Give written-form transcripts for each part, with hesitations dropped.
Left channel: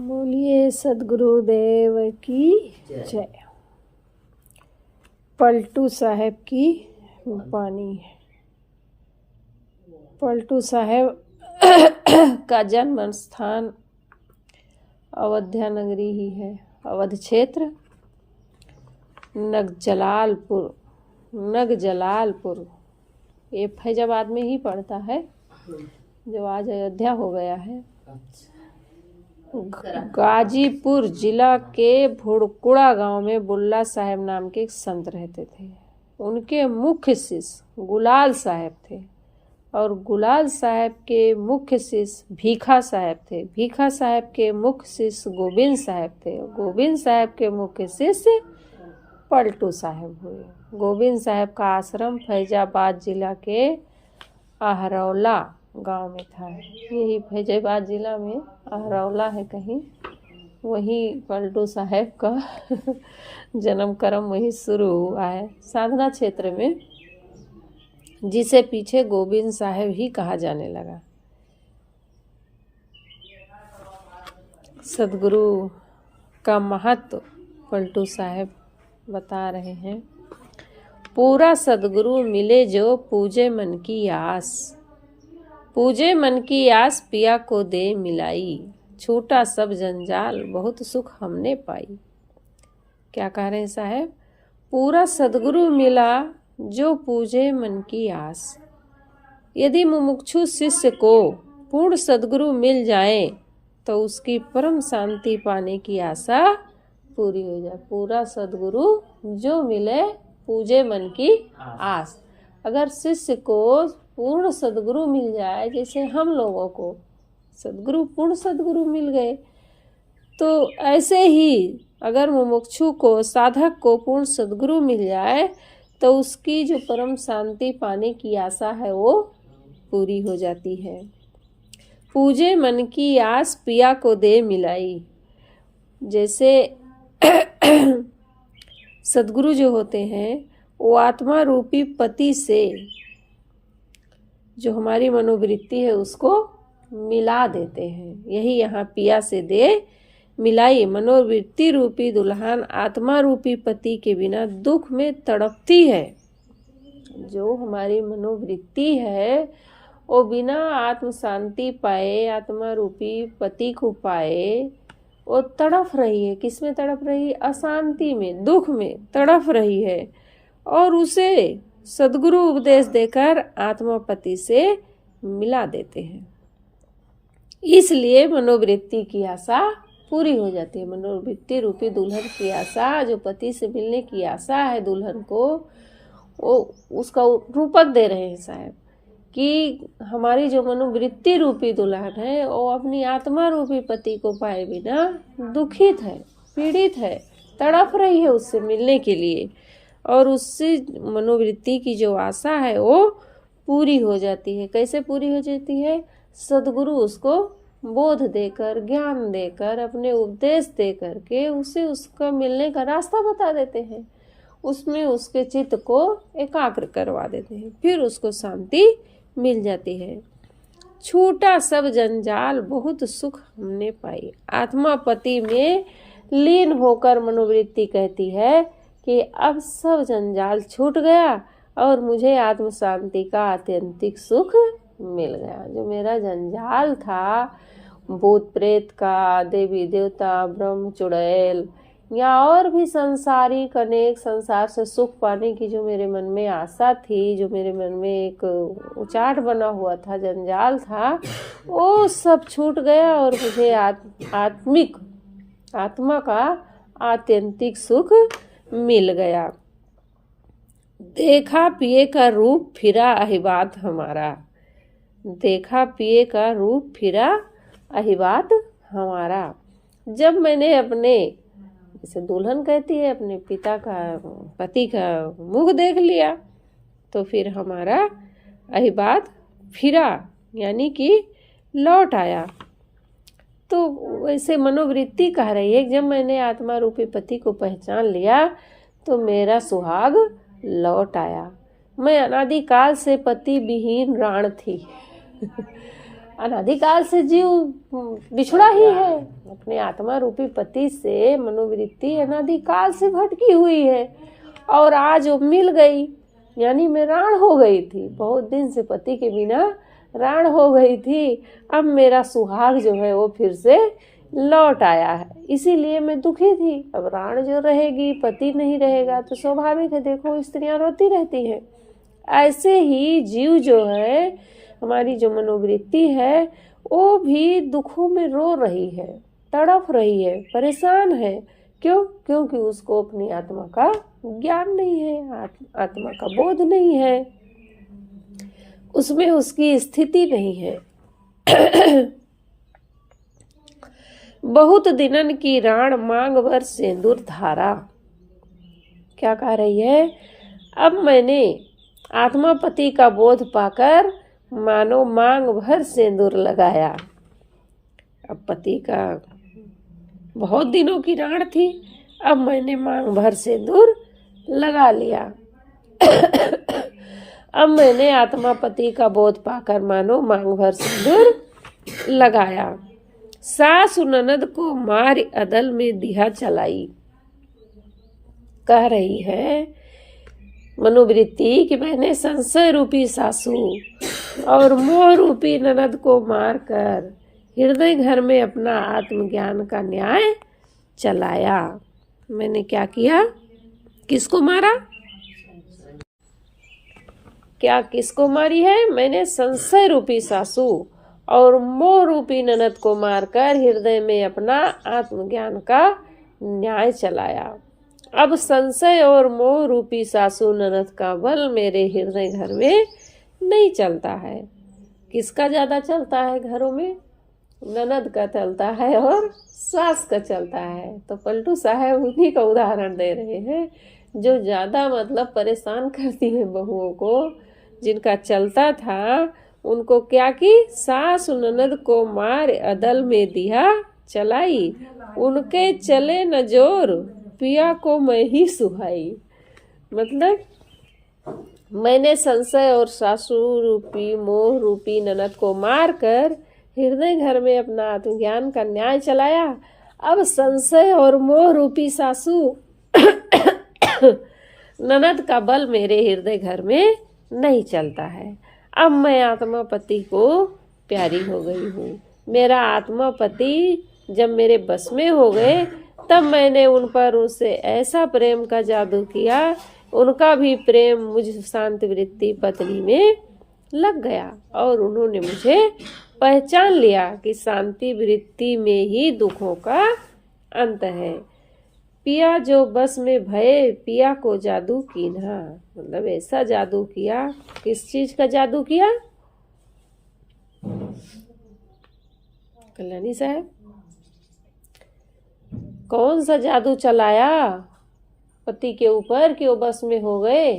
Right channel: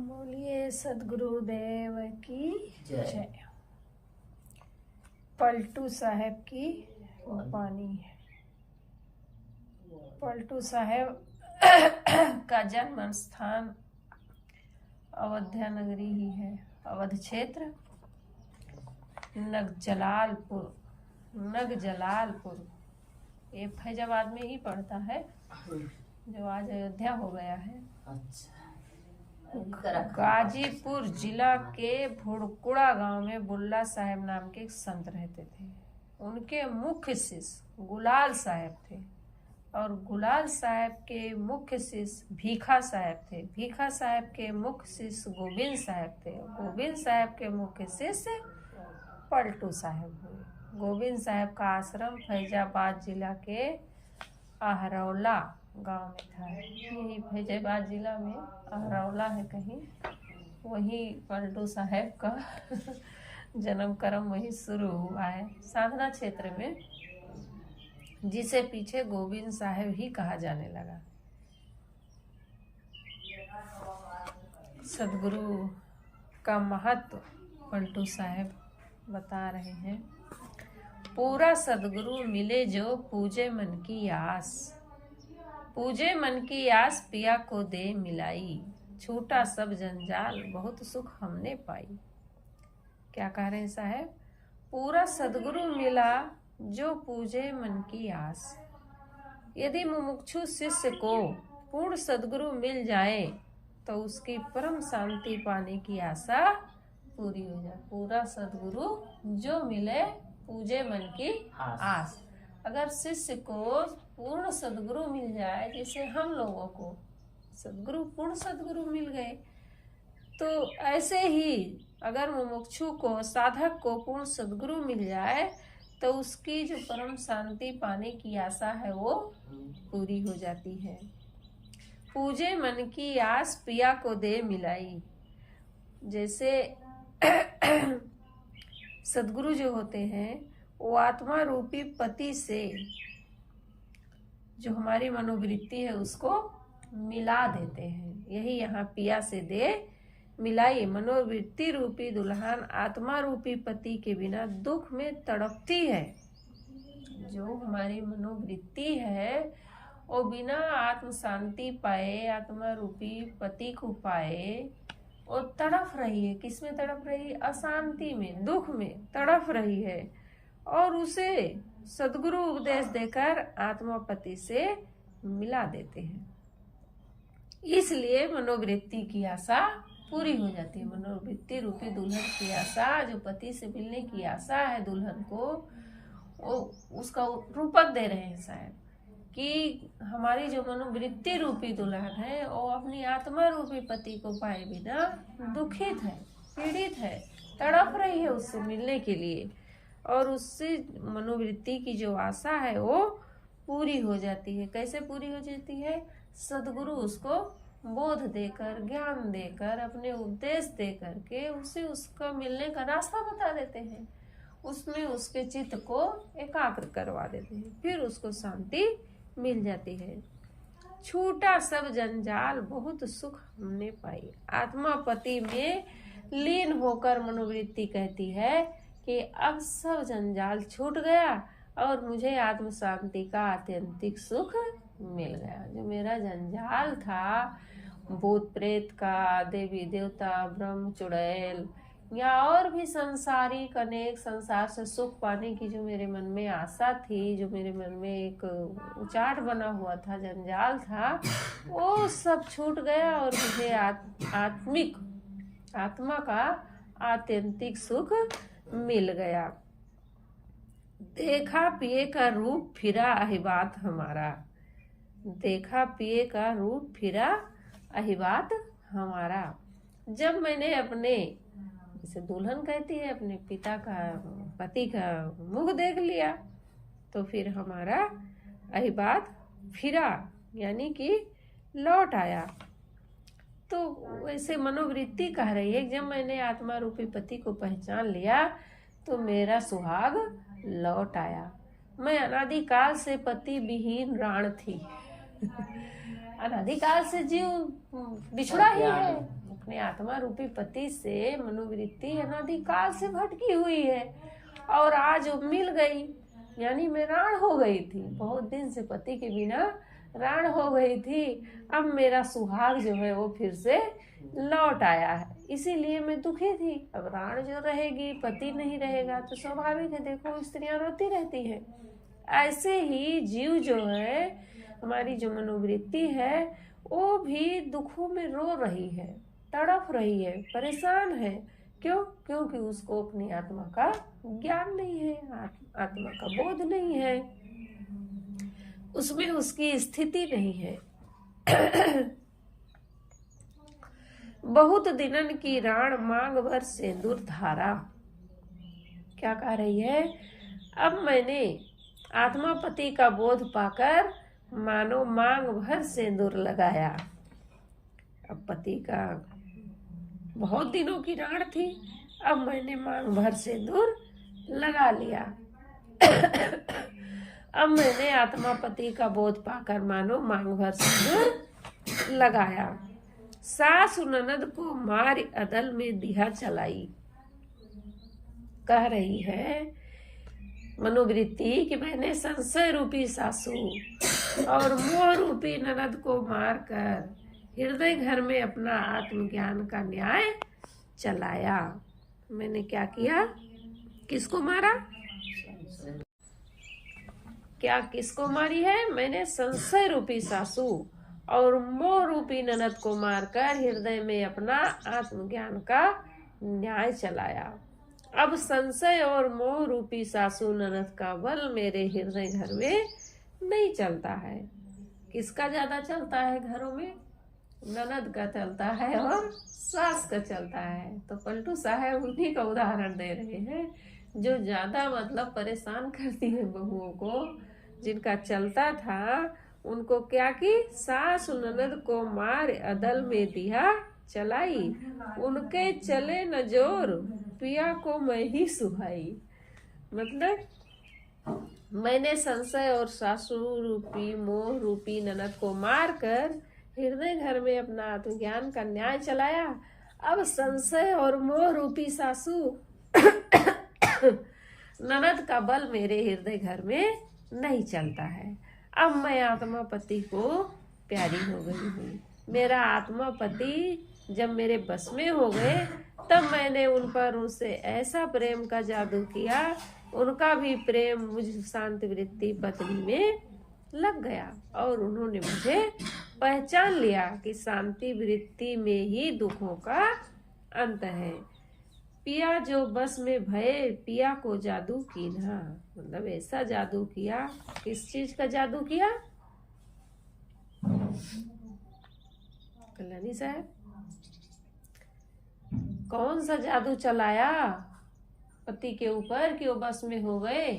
बोलिए सदगुरुदेव की जय। पलटू साहब की वाणी है। पलटू साहब का जन्म स्थान अवध्या नगरी ही है। अवध क्षेत्र नगजलालपुर ये फैजाबाद में ही पड़ता है, जो आज अयोध्या हो गया है। गाजीपुर जिला के भुड़कुड़ा गांव में बुल्ला साहब नाम के एक संत रहते थे। उनके मुख्य शिष्य गुलाल साहब थे और गुलाल साहब के मुख्य शिष्य भीखा साहब थे। भीखा साहब के मुख्य शिष्य गोविंद साहब थे। गोविंद साहब के मुख्य शिष्य पलटू साहब हुए। गोविंद साहब का आश्रम फैजाबाद जिला के आहरौला गांव में था। यही फैजाबाद जिला में आहरौला है कहीं, वहीं पलटू साहब का जन्म कर्म वहीं शुरू हुआ है, साधना क्षेत्र में, जिसे पीछे गोविंद साहब ही कहा जाने लगा। सदगुरु का महत्व पलटू साहब बता रहे हैं। पूरा सदगुरु मिले जो पूजे मन की आस, पूजे मन की आस पिया को दे मिलाई, छूटा सब जंजाल बहुत सुख हमने पाई। क्या कह रहे हैं साहब? पूरा सदगुरु मिला जो पूजे मन की आस। यदि मुमुक्षु शिष्य को पूर्ण सदगुरु मिल जाए तो उसकी परम शांति पाने की आशा पूरी हो जाए। पूरा सदगुरु जो मिले पूजे मन की आस। अगर शिष्य को पूर्ण सदगुरु मिल जाए, जैसे हम लोगों को सदगुरु पूर्ण सदगुरु मिल गए, तो ऐसे ही अगर मुमुक्षु को, साधक को पूर्ण सदगुरु मिल जाए तो उसकी जो परम शांति पाने की आशा है वो पूरी हो जाती है। पूजे मन की आस पिया को दे मिलाई। जैसे सदगुरु जो होते हैं वो आत्मा रूपी पति से जो हमारी मनोवृत्ति है उसको मिला देते हैं। यही यहाँ पिया से दे मिलाई। मनोवृत्ति रूपी दुल्हन आत्मा रूपी पति के बिना दुख में तड़पती है। जो हमारी मनोवृत्ति है वो बिना आत्म शांति पाए, आत्मा रूपी पति को पाए, वो तड़प रही है। किसमें तड़प रही है? अशांति में, दुख में तड़प रही है। और उसे सदगुरु उपदेश देकर आत्मापति से मिला देते हैं। इसलिए मनोवृत्ति की आशा पूरी हो जाती है। मनोवृत्ति रूपी दुल्हन की आशा, जो पति से मिलने की आशा है दुल्हन को, वो उसका रूपक दे रहे हैं साहब कि हमारी जो मनोवृत्ति रूपी दुल्हन है वो अपनी आत्मा रूपी पति को पाए बिना दुखित है, पीड़ित है, तड़प रही है उससे मिलने के लिए। और उससे मनोवृत्ति की जो आशा है वो पूरी हो जाती है। कैसे पूरी हो जाती है? सदगुरु उसको बोध देकर, ज्ञान देकर, अपने उपदेश देकर के उसे उसका मिलने का रास्ता बता देते हैं। उसमें उसके चित्त को एकाग्र करवा देते हैं, फिर उसको शांति मिल जाती है। छूटा सब जंजाल बहुत सुख हमने पाई। आत्मा पति में लीन होकर मनोवृत्ति कहती है कि अब सब जंजाल छूट गया और मुझे आत्म शांति का आत्यंतिक सुख मिल गया। जो मेरा जंजाल था भूत प्रेत का, देवी देवता, ब्रह्म चुड़ैल या और भी संसारिक अनेक संसार से सुख पाने की जो मेरे मन में आशा थी, जो मेरे मन में एक उचाट बना हुआ था, जंजाल था, वो सब छूट गया और मुझे आत्मा का आत्यंतिक सुख मिल गया। देखा पिए का रूप फिरा अहिबात हमारा। देखा पिए का रूप फिरा अहिबात हमारा। जब मैंने अपने, जैसे दुल्हन कहती है, अपने पिता का, पति का मुख देख लिया तो फिर हमारा अहिबात फिरा, यानी कि लौट आया। तो वैसे मनोवृत्ति कह रही है, जब मैंने आत्मा रूपी पति को पहचान लिया तो मेरा सुहाग लौट आया। मैं अनादिकाल से पति विहीन राण थी अनादिकाल से जीव बिछड़ा ही है अपने आत्मा रूपी पति से। मनोवृत्ति अनादिकाल से भटकी हुई है और आज वो मिल गई, यानी मैं राण हो गई थी, बहुत दिन से पति के बिना राण हो गई थी। अब मेरा सुहाग जो है वो फिर से लौट आया है, इसीलिए मैं दुखी थी। अब राण जो रहेगी, पति नहीं रहेगा, तो स्वाभाविक है, देखो स्त्रियां रोती रहती हैं। ऐसे ही जीव जो है, हमारी जो मनोवृत्ति है, वो भी दुखों में रो रही है, तड़प रही है, परेशान है। क्यों? क्योंकि उसको अपनी आत्मा का ज्ञान नहीं है, आत्मा का बोध नहीं है, उसमें उसकी स्थिति नहीं है। बहुत दिनन की राण मांग भर सिंदूर धारा। क्या कह रही है? अब मैंने आत्मा पति का बोध पाकर मानो मांग भर सिंदूर लगाया। अब पति का बहुत दिनों की राण थी, अब मैंने मांग भर सिंदूर लगा लिया। अब मैंने आत्मा पति का बोध पाकर मानो मांग भर सिंदूर लगाया। सासु ननद को मार अदल में दिया चलाई। कह रही है मनोवृत्ति कि मैंने संशय रूपी सासू और मोह रूपी ननद को मारकर हृदय घर में अपना आत्मज्ञान का न्याय चलाया। मैंने क्या किया? किसको मारा? क्या किसको मारी है? मैंने संशय रूपी सासू और मोह रूपी ननद को मारकर हृदय में अपना आत्मज्ञान का न्याय चलाया। अब संशय और मोह रूपी सासू ननद का बल मेरे हृदय घर में नहीं चलता है। किसका ज्यादा चलता है घरों में? ननद का चलता है और सास का चलता है। तो पलटू साहब उन्हीं का उदाहरण दे रहे हैं, जो ज्यादा मतलब परेशान करती है बहुओं को। जिनका चलता था उनको क्या की? सास ननद को मार अदल में दिया चलाई, उनके चले न जोर पिया को मैं ही सुहाई। मतलब मैंने संशय और सासू रूपी मोह रूपी ननद को मारकर हृदय घर में अपना आत्मज्ञान का न्याय चलाया। अब संशय और मोह रूपी सासू ननद का बल मेरे हृदय घर में नहीं चलता है। अब मैं आत्मा पति को प्यारी हो गई हूँ। मेरा आत्मा पति जब मेरे बस में हो गए, तब मैंने उन पर उससे ऐसा प्रेम का जादू किया, उनका भी प्रेम मुझ शांत वृत्ति पत्नी में लग गया और उन्होंने मुझे पहचान लिया कि शांति वृत्ति में ही दुखों का अंत है। पिया जो बस में भये पिया को जादू कीन्हा। मतलब ऐसा जादू किया। किस चीज का जादू किया? कल्याणी साहब, कौन सा जादू चलाया पति के ऊपर कि वो बस में हो गए?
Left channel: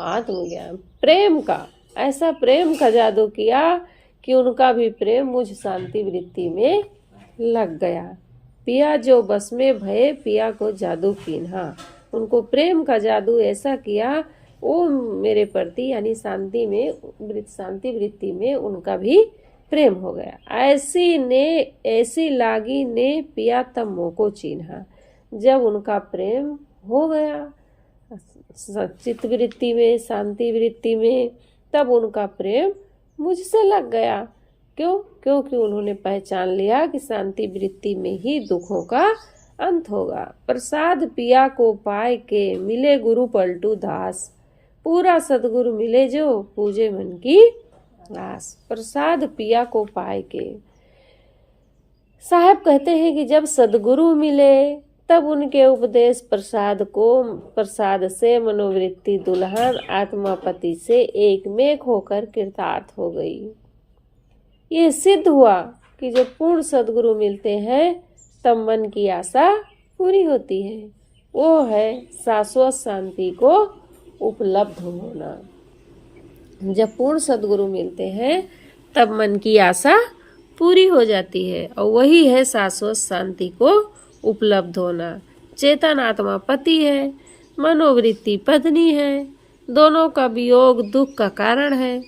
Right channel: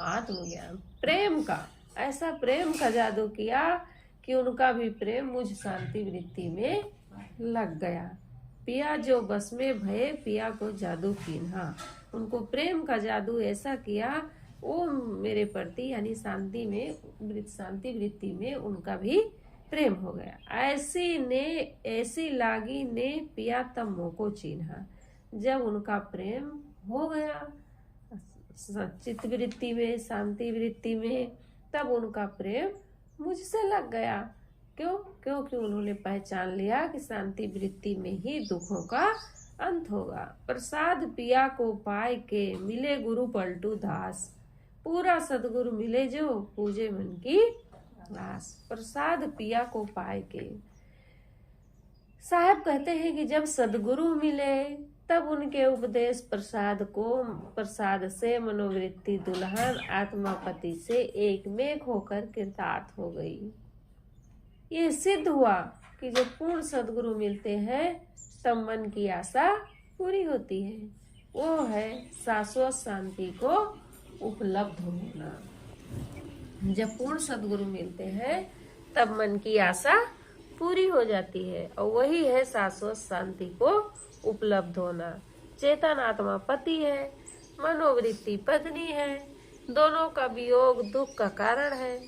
आत्मज्ञान, प्रेम का। ऐसा प्रेम का जादू किया कि उनका भी प्रेम मुझ शांति वृत्ति में लग गया। पिया जो बस में भये पिया को जादू कीन्हा। उनको प्रेम का जादू ऐसा किया, वो मेरे प्रति यानी शांति वृत्ति में उनका भी प्रेम हो गया। ऐसी लागी ने पिया तब मोह को चिन्हा। जब उनका प्रेम हो गया चित्त वृत्ति में, शांति वृत्ति में, तब उनका प्रेम मुझसे लग गया। क्यों? क्योंकि उन्होंने पहचान लिया कि शांति वृत्ति में ही दुखों का अंत होगा। प्रसाद पिया को पाए के मिले गुरु पलटू दास। पूरा सदगुरु मिले जो पूजे मन की आस। प्रसाद पिया को पाए के। साहब कहते हैं कि जब सदगुरु मिले तब उनके उपदेश प्रसाद से मनोवृत्ति दुल्हन आत्मा पति से एकमेक होकर कृतार्थ हो गई। ये सिद्ध हुआ कि जब पूर्ण सदगुरु मिलते हैं तब मन की आशा पूरी होती है। वो है शाश्वत शांति को उपलब्ध होना। जब पूर्ण सदगुरु मिलते हैं तब मन की आशा पूरी हो जाती है और वही है शाश्वत शांति को उपलब्ध होना। चेतन आत्मा पति है, मनोवृत्ति पत्नी है, दोनों का वियोग दुख का कारण है।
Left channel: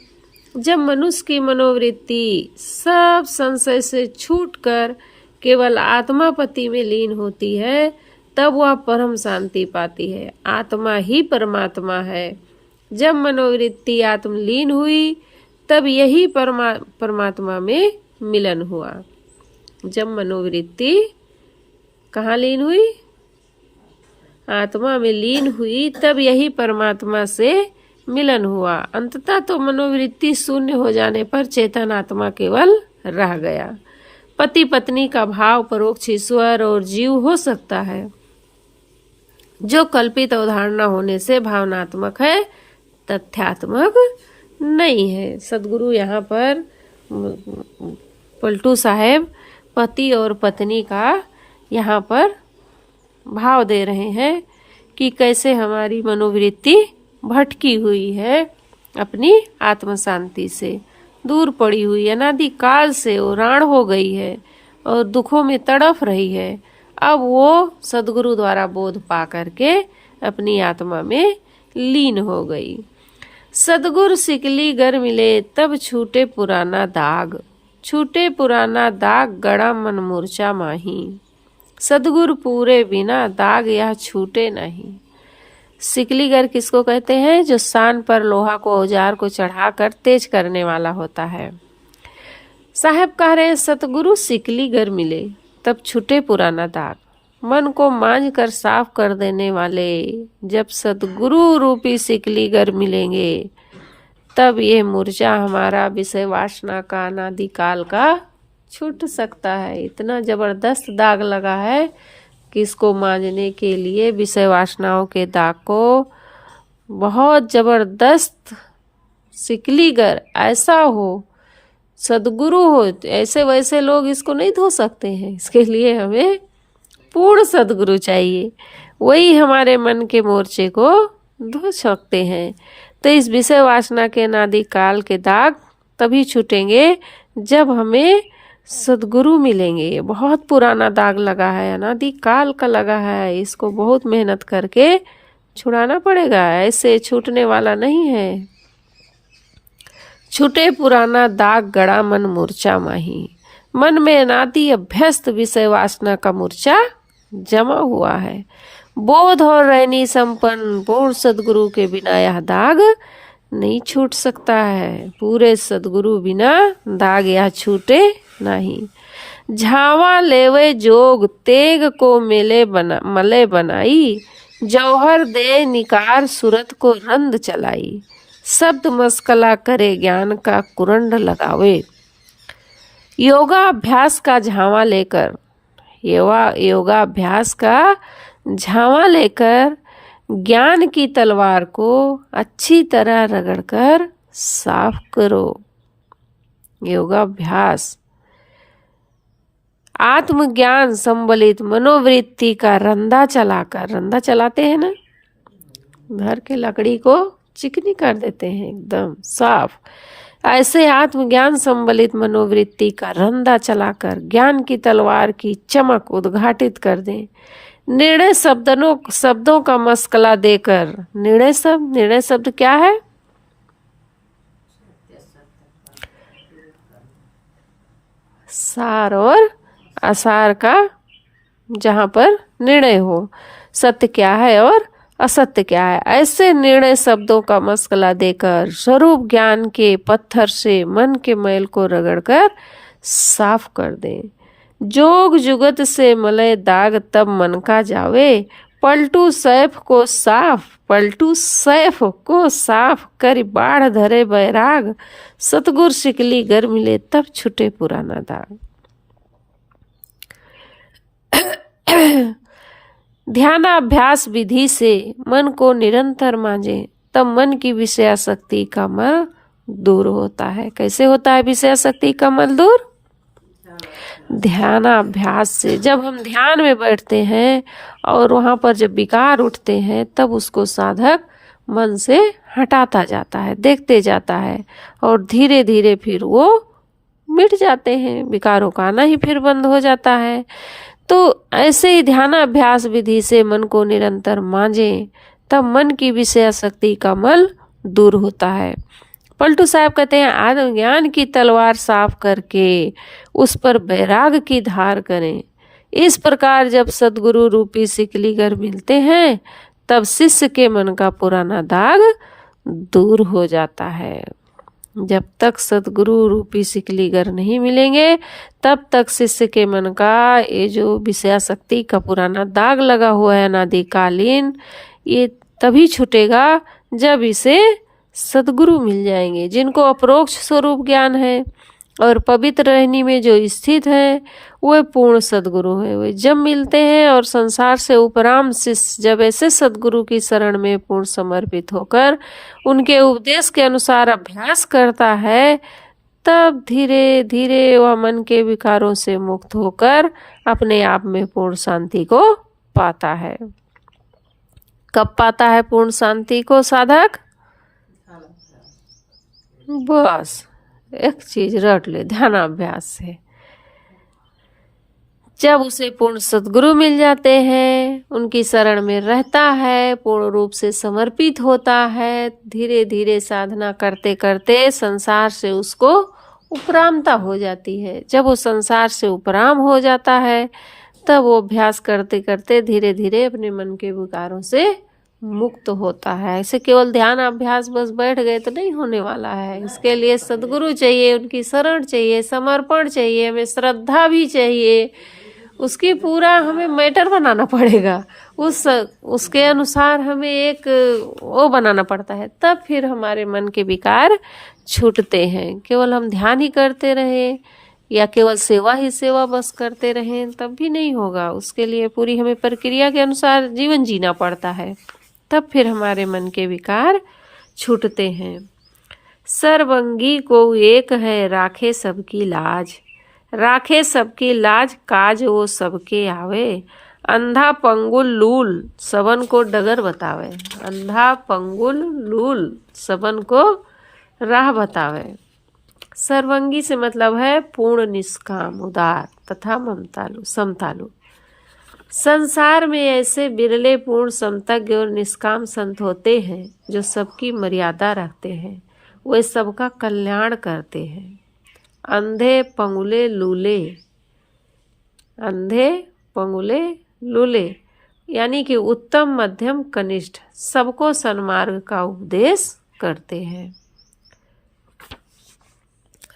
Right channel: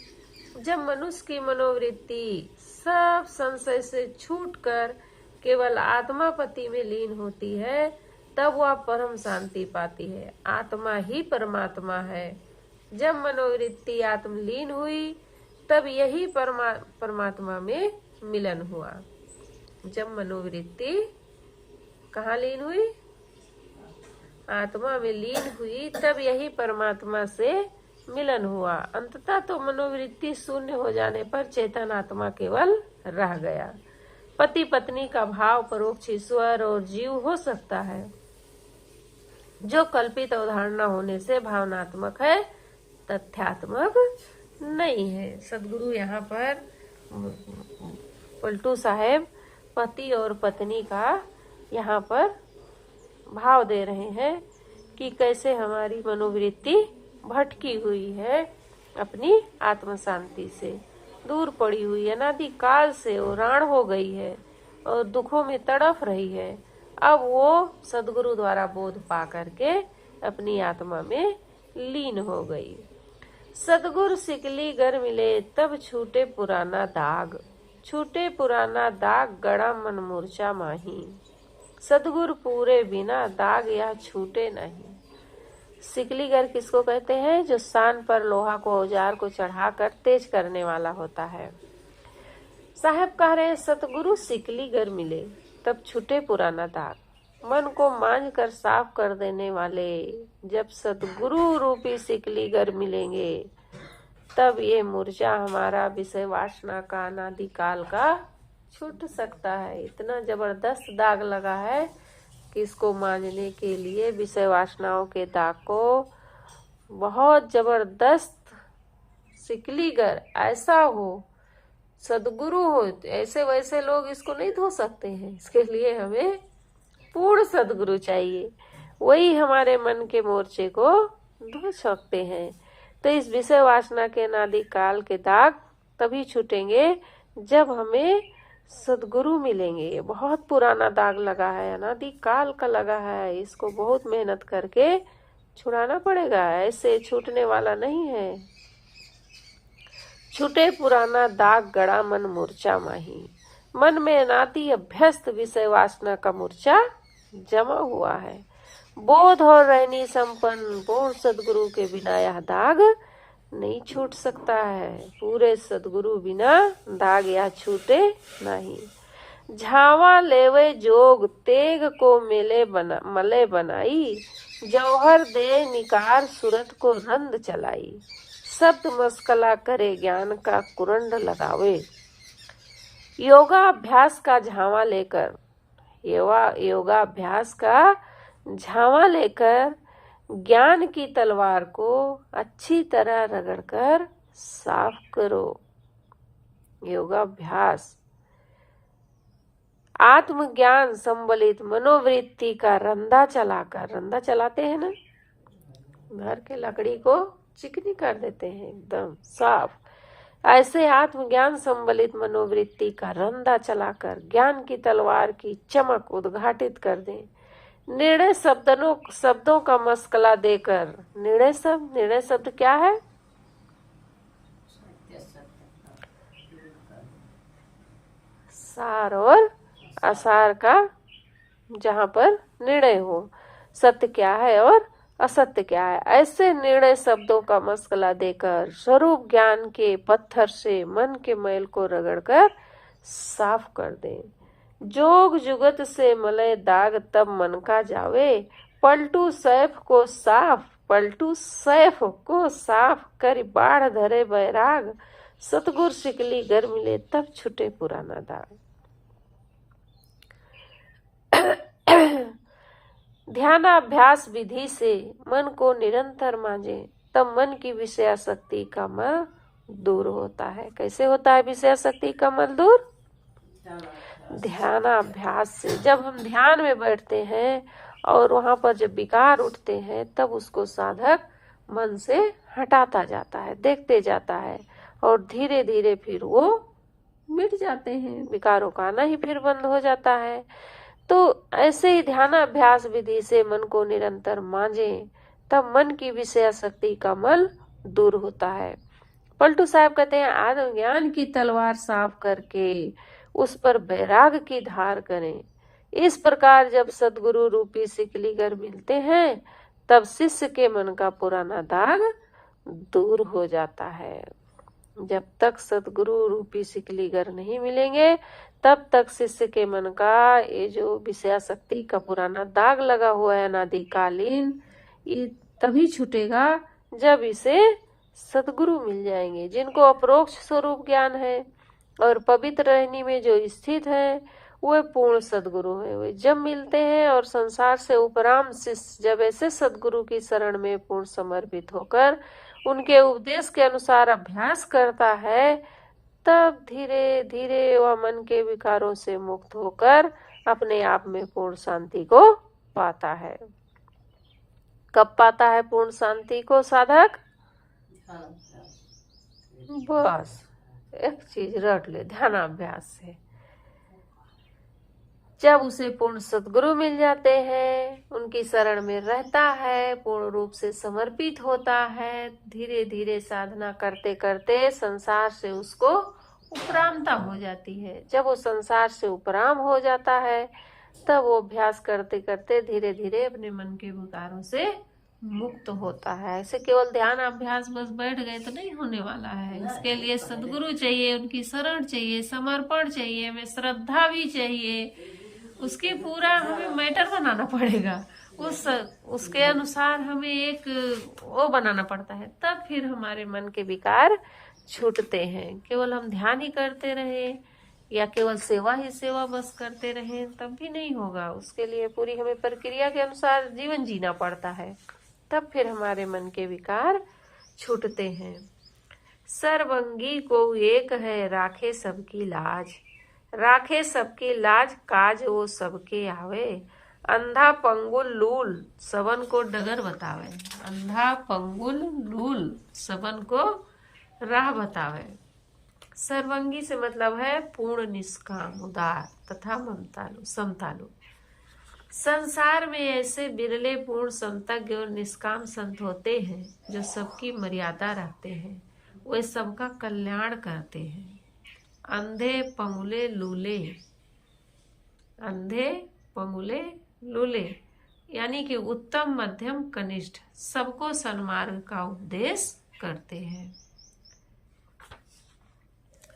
जब मनुष्य की मनोवृत्ति सब संशय से छूटकर केवल आत्मापति में लीन होती है, तब वह परम शांति पाती है। आत्मा ही परमात्मा है। जब मनोवृत्ति आत्मलीन हुई, तब यही परमात्मा में मिलन हुआ। जब मनोवृत्ति कहाँ लीन हुई? आत्मा में लीन हुई, तब यही परमात्मा से मिलन हुआ। अंततः तो मनोवृत्ति शून्य हो जाने पर चेतन आत्मा केवल रह गया। पति पत्नी का भाव परोक्ष ईश्वर और जीव हो सकता है, जो कल्पित अवधारणा होने से भावनात्मक है, तथ्यात्मक नहीं है। सदगुरु यहाँ पर पलटू साहेब पति और पत्नी का यहाँ पर भाव दे रहे हैं कि कैसे हमारी मनोवृत्ति भटकी हुई है, अपनी आत्म शांति से दूर पड़ी हुई, अनादि काल से उराण हो गई है और दुखों में तड़फ रही है। अब वो सदगुरु द्वारा बोध पा करके अपनी आत्मा में लीन हो गई। सदगुरु सिकली गर मिले, तब छूटे पुराना दाग। छूटे पुराना दाग, गड़ा मन मूर्छा माही। सदगुरु पूरे बिना दाग यह छूटे नहीं। सिकलीगर किसको कहते हैं? जो सान पर लोहा को औजार को चढ़ाकर तेज करने वाला होता है। साहब कह रहे हैं सतगुरु सिकलीगर मिले, तब छूटे पुराना दाग। मन को मांझ कर साफ कर देने वाले जब सतगुरु रूपी सिकलीगर मिलेंगे, तब ये मूर्छा हमारा विषय वासना का अनादिकाल का छूट सकता है। इतना जबरदस्त दाग लगा है कि इसको मांझने के लिए विषय वासनाओं के दाग को बहुत जबरदस्त सिकलीगर ऐसा हो, सदगुरु हो, ऐसे वैसे लोग इसको नहीं धो सकते हैं। इसके लिए हमें पूर्ण सदगुरु चाहिए, वही हमारे मन के मोर्चे को धो सकते हैं। तो इस विषय वासना के अनादि काल के दाग तभी छूटेंगे जब हमें सदगुरु मिलेंगे। बहुत पुराना दाग लगा है, अनादि काल का लगा है, इसको बहुत मेहनत करके छुड़ाना पड़ेगा, ऐसे छूटने वाला नहीं है। छूटे पुराना दाग, गड़ा मन मूर्छा माही। मन में अनादि अभ्यस्त विषय वासना का मूर्छा जमा हुआ है। बोध और रहनी संपन्न पूर्ण सदगुरु के बिना यह दाग नहीं छूट सकता है। पूरे सदगुरु बिना दाग यह छूटे नहीं। झावा लेवे जोग, तेग को मले बनाई। जौहर दे निकार, सूरत को रंद चलाई। शब्द मस्कला करे, ज्ञान का कुरंड लगावे। योगाभ्यास का झावा लेकर, योगाभ्यास का झावा लेकर ज्ञान की तलवार को अच्छी तरह रगड़कर साफ करो। योगाभ्यास आत्मज्ञान संबलित मनोवृत्ति का रंधा चलाकर, रंधा चलाते हैं ना, घर के लकड़ी को चिकनी कर देते हैं एकदम साफ, ऐसे आत्मज्ञान संबलित मनोवृत्ति का रंधा चलाकर ज्ञान की तलवार की चमक उद्घाटित कर दें। निर्णय शब्दों का मस्कला देकर, निर्णय शब्द क्या है? सार और असार का जहां पर निर्णय हो, सत्य क्या है और असत्य क्या है, ऐसे निर्णय शब्दों का मस्कला देकर स्वरूप ज्ञान के पत्थर से मन के मैल को रगड़कर साफ कर दें। जोग जुगत से मलय दाग, तब मन का जावे। पलटू सैफ को साफ कर बाढ़ धरे बैराग। सतगुर शिकली गर मिले, तब छुटे पुराना दाग। ध्यानाभ्यास विधि से मन को निरंतर मांझे, तब मन की विषयासक्ति का मल दूर होता है। कैसे होता है विषयासक्ति का मल दूर? ध्यानाभ्यास से। जब हम ध्यान में बैठते हैं और वहाँ पर जब विकार उठते हैं, तब उसको साधक मन से हटाता जाता है, देखते जाता है, और धीरे धीरे फिर वो मिट जाते हैं, विकारों का आना ही फिर बंद हो जाता है। तो ऐसे ही ध्यानाभ्यास विधि से मन को निरंतर मांझें, तब मन की विषयासक्ति का मल दूर होता है। पलटू साहब कहते हैं आत्मज्ञान की तलवार साफ करके उस पर बैराग की धार करें। इस प्रकार जब सदगुरु रूपी सिकलीगर मिलते हैं तब शिष्य के मन का पुराना दाग दूर हो जाता है। जब तक सदगुरु रूपी सिकलीगर नहीं मिलेंगे तब तक शिष्य के मन का ये जो विषयासक्ति का पुराना दाग लगा हुआ है अनादिकालीन, ये तभी छूटेगा जब इसे सदगुरु मिल जाएंगे, जिनको अप्रोक्ष स्वरूप ज्ञान है और पवित्र रहनी में जो स्थित है वे पूर्ण सदगुरु है। वे जब मिलते हैं और संसार से उपराम शिष्य जब ऐसे सदगुरु की शरण में पूर्ण समर्पित होकर उनके उपदेश के अनुसार अभ्यास करता है, तब धीरे धीरे वह मन के विकारों से मुक्त होकर अपने आप में पूर्ण शांति को पाता है। कब पाता है पूर्ण शांति को साधक? बस एक चीज रट ले, ध्यानाभ्यास से। जब उसे पूर्ण सद्गुरु मिल जाते हैं, उनकी शरण में रहता है, पूर्ण रूप से समर्पित होता है, धीरे धीरे साधना करते करते संसार से उसको उपरामता हो जाती है। जब वो संसार से उपराम हो जाता है तब वो अभ्यास करते करते धीरे धीरे अपने मन के विकारों से मुक्त होता है। ऐसे केवल ध्यान अभ्यास बस बैठ गए तो नहीं होने वाला है। इसके लिए सद्गुरु चाहिए, उनकी शरण चाहिए, समर्पण चाहिए, हमें श्रद्धा भी चाहिए, उसकी पूरा हमें मैटर बनाना पड़ेगा, उसके अनुसार हमें एक वो बनाना पड़ता है, तब फिर हमारे मन के विकार छूटते हैं। केवल हम ध्यान ही करते रहें या केवल सेवा ही सेवा बस करते रहें तब भी नहीं होगा। उसके लिए पूरी हमें प्रक्रिया के अनुसार जीवन जीना पड़ता है, तब फिर हमारे मन के विकार छूटते हैं। सर्वंगी को एक है राखे सबकी लाज, राखे सबकी लाज काज वो सबके आवे, अंधा पंगुल लूल सबन को डगर बतावे, अंधा पंगुल लूल सबन को राह बतावे। सर्वंगी से मतलब है पूर्ण निष्काम, उदार तथा ममतालु, समतालु। संसार में ऐसे बिरले पूर्ण समतज्ञ और निष्काम संत होते हैं जो सबकी मर्यादा रखते हैं, वे सबका कल्याण करते हैं। अंधे पंगुले लूले, अंधे पंगुले लूले यानी कि उत्तम मध्यम कनिष्ठ सबको सन्मार्ग का उपदेश करते हैं।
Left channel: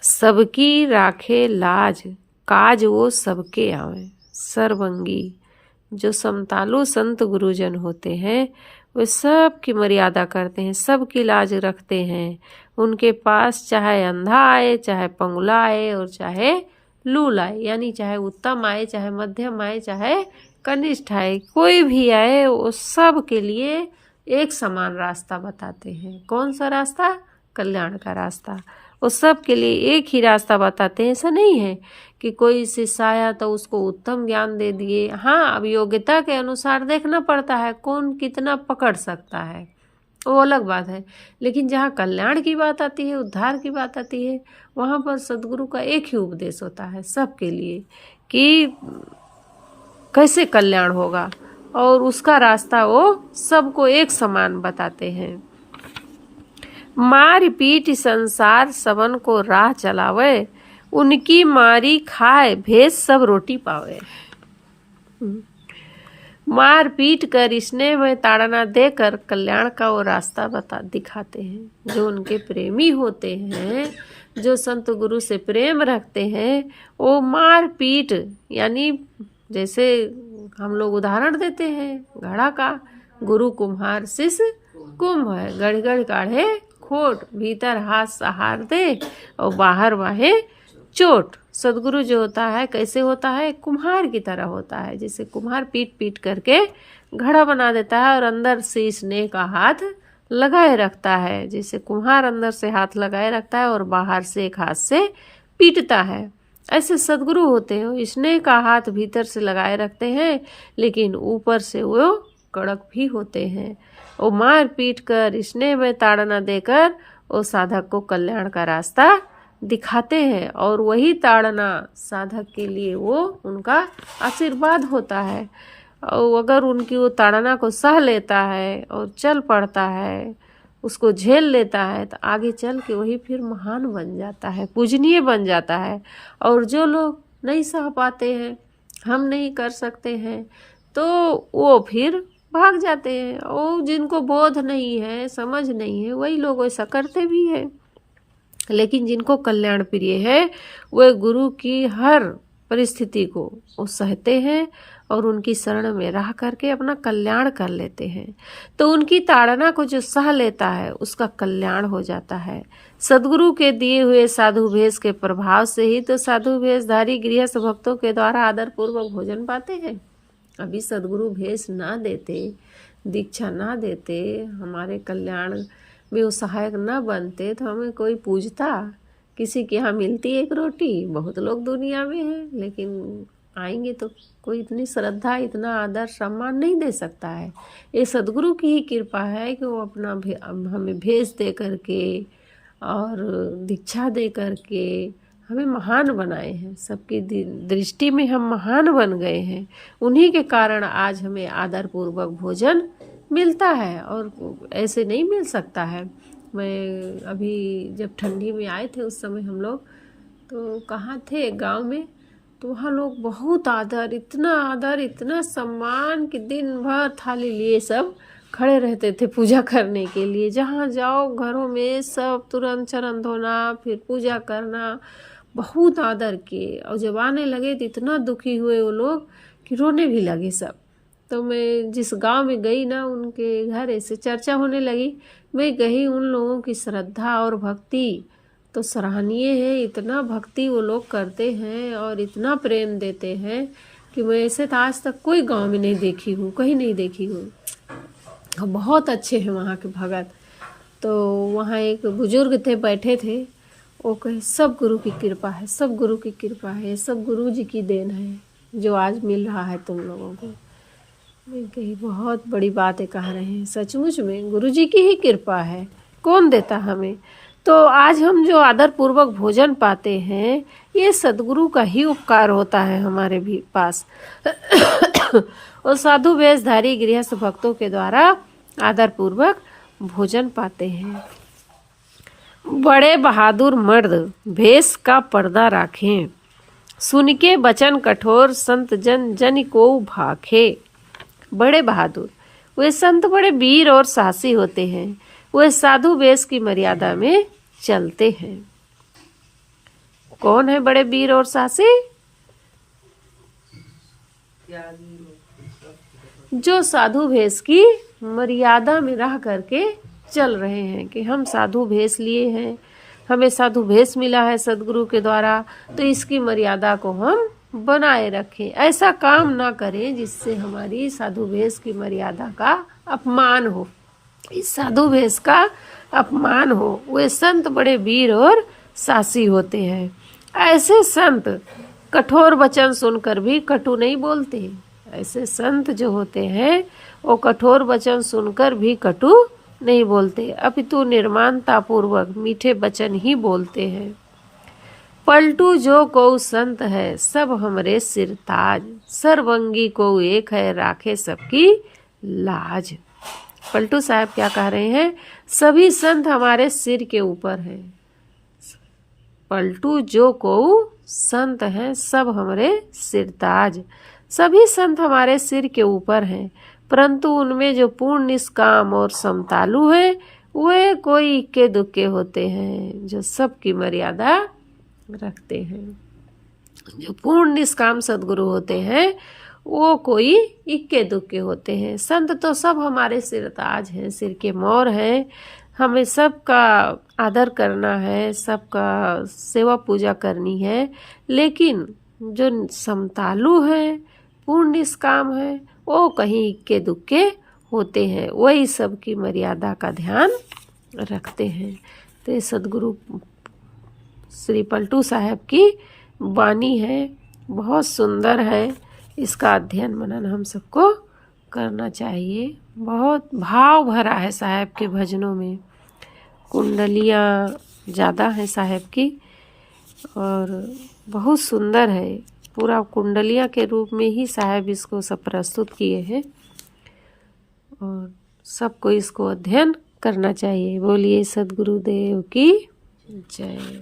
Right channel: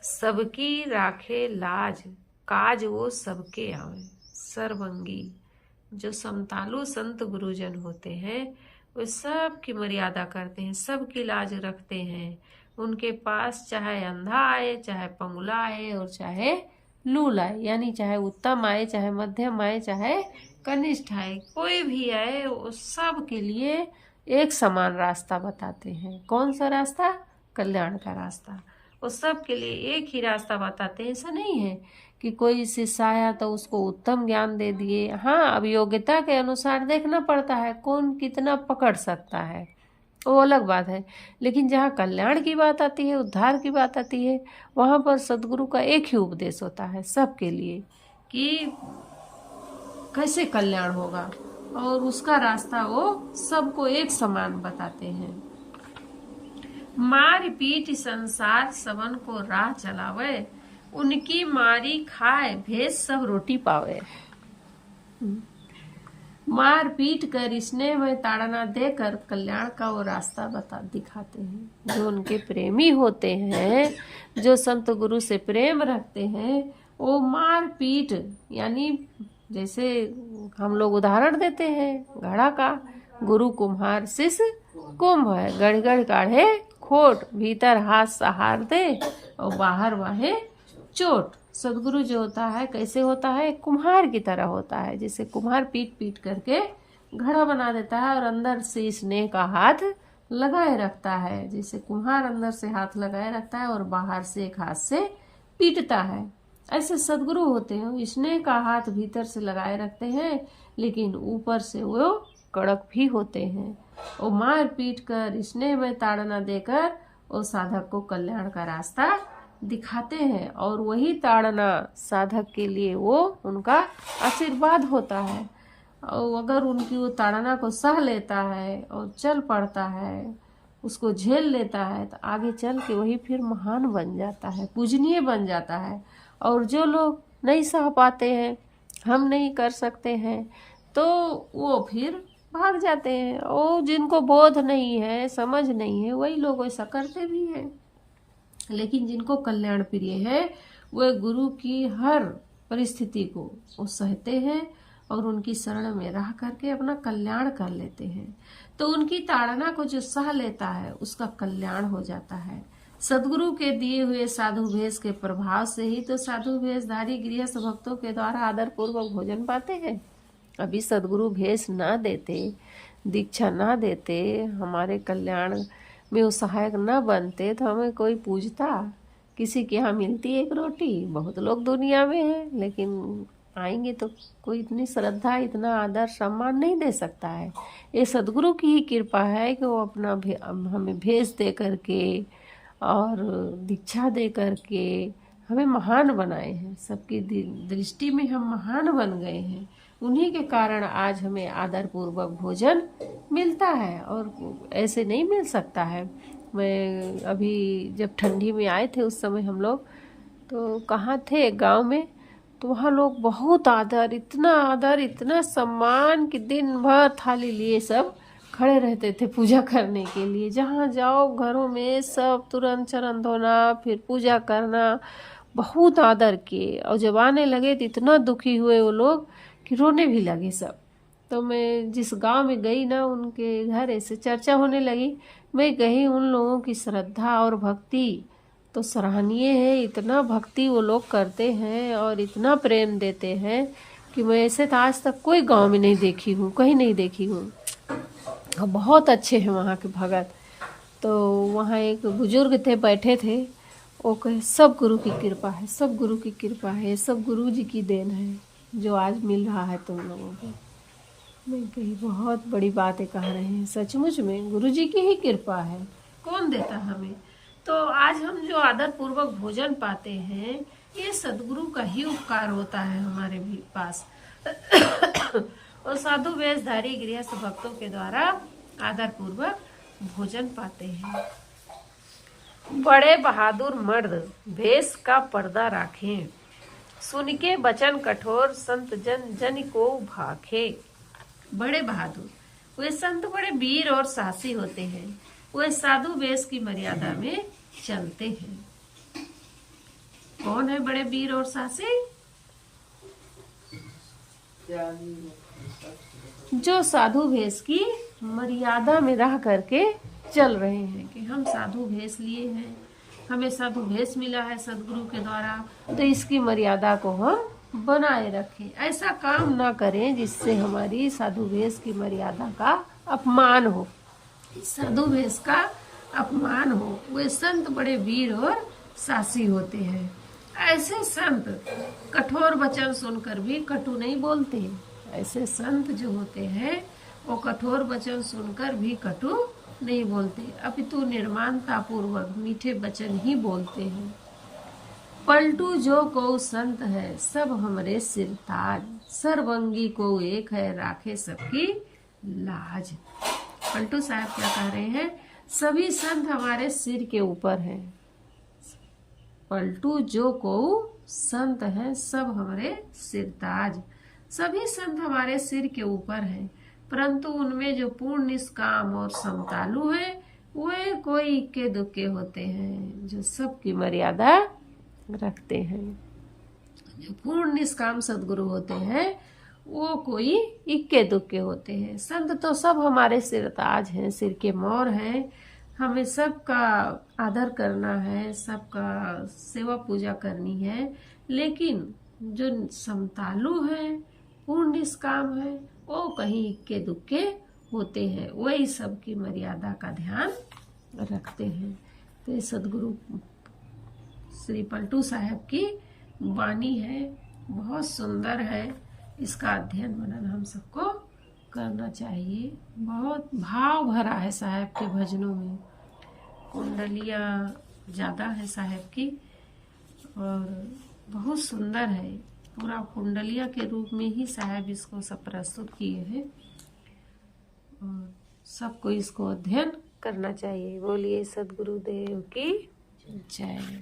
सबकी राखे लाज काज वो सबके आवे। सर्वंगी जो समतालु संत गुरुजन होते हैं वे सब की मर्यादा करते हैं, सबकी लाज रखते हैं। उनके पास चाहे अंधा आए, चाहे पंगुला आए और चाहे लूल आए, यानी चाहे उत्तम आए, चाहे मध्यम आए, चाहे कनिष्ठ आए, कोई भी आए, वो सब के लिए एक समान रास्ता बताते हैं। कौन सा रास्ता? कल्याण का रास्ता। वो सब के लिए एक ही रास्ता बताते हैं। ऐसा नहीं है कि कोई शिष्य आया तो उसको उत्तम ज्ञान दे दिए। हाँ, अब योग्यता के अनुसार देखना पड़ता है कौन कितना पकड़ सकता है, वो अलग बात है। लेकिन जहाँ कल्याण की बात आती है, उद्धार की बात आती है, वहाँ पर सद्गुरु का एक ही उपदेश होता है सबके लिए कि कैसे कल्याण होगा, और उसका रास्ता वो सबको एक समान बताते हैं। मार पीट संसार सबन को राह चलावे, उनकी मारी खाए भेज सब रोटी पावे। मार पीट कर स्नेह में ताड़ना देकर कल्याण का वो रास्ता दिखाते हैं। जो उनके प्रेमी होते हैं, जो संत गुरु से प्रेम रखते हैं, वो मार पीट यानी जैसे हम लोग उदाहरण देते हैं घड़ा का, गुरु कुम्हार शिष्य कुंभ है, गढ़ गढ़ काढ़े खोट, भीतर हाथ सहार दे और बाहर वाहे चोट। सदगुरु जो होता है कैसे होता है? कुम्हार की तरह होता है। जैसे कुम्हार पीट पीट करके घड़ा बना देता है और अंदर से स्नेह का हाथ लगाए रखता है। जैसे कुम्हार अंदर से हाथ लगाए रखता है और बाहर से एक हाथ से पीटता है, ऐसे सदगुरु होते हैं, स्नेह का हाथ भीतर से लगाए रखते हैं लेकिन ऊपर से वो कड़क भी होते हैं। वो मार पीट कर स्नेह में ताड़ना देकर वो साधक को कल्याण का रास्ता दिखाते हैं, और वही ताड़ना साधक के लिए वो उनका आशीर्वाद होता है। और अगर उनकी वो ताड़ना को सह लेता है और चल पड़ता है, उसको झेल लेता है, तो आगे चल के वही फिर महान बन जाता है, पूजनीय बन जाता है। और जो लोग नहीं सह पाते हैं, हम नहीं कर सकते हैं, तो वो फिर भाग जाते हैं। और जिनको बोध नहीं है, समझ नहीं है, वही लोग ऐसा करते भी हैं। लेकिन जिनको कल्याण प्रिय है, वे गुरु की हर परिस्थिति को वो सहते हैं और उनकी शरण में रह करके अपना कल्याण कर लेते हैं। तो उनकी ताड़ना को जो सह लेता है, उसका कल्याण हो जाता है। सदगुरु के दिए हुए साधु भेष के प्रभाव से ही तो साधु भेषधारी गृहस्थ भक्तों के द्वारा आदर पूर्वक भोजन पाते हैं। अभी सदगुरु भेष ना देते, दीक्षा ना देते, हमारे कल्याण में वो सहायक न बनते, तो हमें कोई पूजता? किसी के यहाँ मिलती एक रोटी, बहुत लोग दुनिया में हैं, लेकिन आएंगे तो कोई इतनी श्रद्धा, इतना आदर सम्मान नहीं दे सकता है। ये सदगुरु की ही कृपा है कि वो अपना हमें भेष दे करके और दीक्षा दे करके हमें महान बनाए हैं। सबकी दृष्टि में हम महान बन गए हैं। उन्हीं के कारण आज हमें आदर पूर्वक भोजन मिलता है, और ऐसे नहीं मिल सकता है। मैं अभी जब ठंडी में आए थे, उस समय हम लोग तो कहाँ थे, गांव में, तो वहाँ लोग बहुत आदर, इतना सम्मान कि दिन भर थाली लिए सब खड़े रहते थे पूजा करने के लिए। जहाँ जाओ घरों में सब तुरंत चरण धोना, फिर पूजा करना, बहुत आदर किए। और जब आने लगे तो इतना दुखी हुए वो लोग कि रोने भी लगे सब। तो मैं जिस गांव में गई ना, उनके घर ऐसे चर्चा होने लगी। मैं गई, उन लोगों की श्रद्धा और भक्ति तो सराहनीय है। इतना भक्ति वो लोग करते हैं और इतना प्रेम देते हैं कि मैं ऐसे तो आज तक कोई गांव में नहीं देखी हूँ, कहीं नहीं देखी हूँ। बहुत अच्छे हैं वहाँ के भगत। तो वहाँ एक बुजुर्ग थे, बैठे थे, वो कहे सब गुरु की कृपा है, सब गुरु की कृपा है, सब गुरु जी की देन है जो आज मिल रहा है तुम लोगों को। मैं कही बहुत बड़ी बातें कह रहे हैं, सचमुच में गुरु जी की ही कृपा है, कौन देता हमें। तो आज हम जो आदर पूर्वक भोजन पाते हैं, ये सदगुरु का ही उपकार होता है हमारे भी पास। और साधु वेशधारी गृहस्थ भक्तों के द्वारा आदर पूर्वक भोजन पाते हैं। बड़े बहादुर मर्द भेष का पर्दा राखें, सुन के बचन कठोर संत जन जन को भाखे। बड़े बहादुर वे संत बड़े वीर और साहसी होते हैं। वे साधु वेश की मर्यादा में चलते हैं। कौन है बड़े वीर और साहसी? जो साधु भेष की मर्यादा में रह करके चल रहे हैं कि हम साधु भेष लिए हैं, हमें साधु भेष मिला है सदगुरु के द्वारा, तो इसकी मर्यादा को हम बनाए रखें। ऐसा काम ना करें जिससे हमारी साधु भेष की मर्यादा का अपमान हो, इस साधु भेष का अपमान हो। वे संत बड़े वीर और साहसी होते हैं। ऐसे संत कठोर वचन सुनकर भी कटु नहीं बोलते। ऐसे संत जो होते हैं वो कठोर वचन सुनकर भी कटु नहीं बोलते, अपितु निर्मानता पूर्वक मीठे वचन ही बोलते हैं। पलटू जो को संत है सब हमरे सिर ताज, सर्वंगी को एक है राखे सबकी लाज। पलटू साहब क्या कह रहे हैं? सभी संत हमारे सिर के ऊपर हैं। पलटू जो को संत हैं सब हमारे सिरताज। सभी संत हमारे सिर के ऊपर हैं, परंतु उनमें जो पूर्ण निष्काम और समतालु हैं, वे कोई इक्के दुक्के होते हैं जो सबकी मर्यादा रखते हैं। जो पूर्ण निष्काम सदगुरु होते हैं वो कोई इक्के दुक्के होते हैं। संत तो सब हमारे सिरताज हैं, सिर के मोर हैं। हमें सबका आदर करना है, सबका सेवा पूजा करनी है। लेकिन जो समतालु हैं, पूर्ण निष्काम है, वो कहीं इक्के दुक्के होते हैं, वही सबकी मर्यादा का ध्यान रखते हैं। तो ये सदगुरु श्री पलटू साहब की वाणी है, बहुत सुंदर है। इसका अध्ययन मनन हम सबको करना चाहिए। बहुत भाव भरा है साहब के भजनों में, कुंडलियाँ ज़्यादा हैं साहब की और बहुत सुंदर है। पूरा कुंडलियाँ के रूप में ही साहब इसको सब प्रस्तुत किए हैं और सबको इसको अध्ययन करना चाहिए। बोलिए सद्गुरुदेव की जय।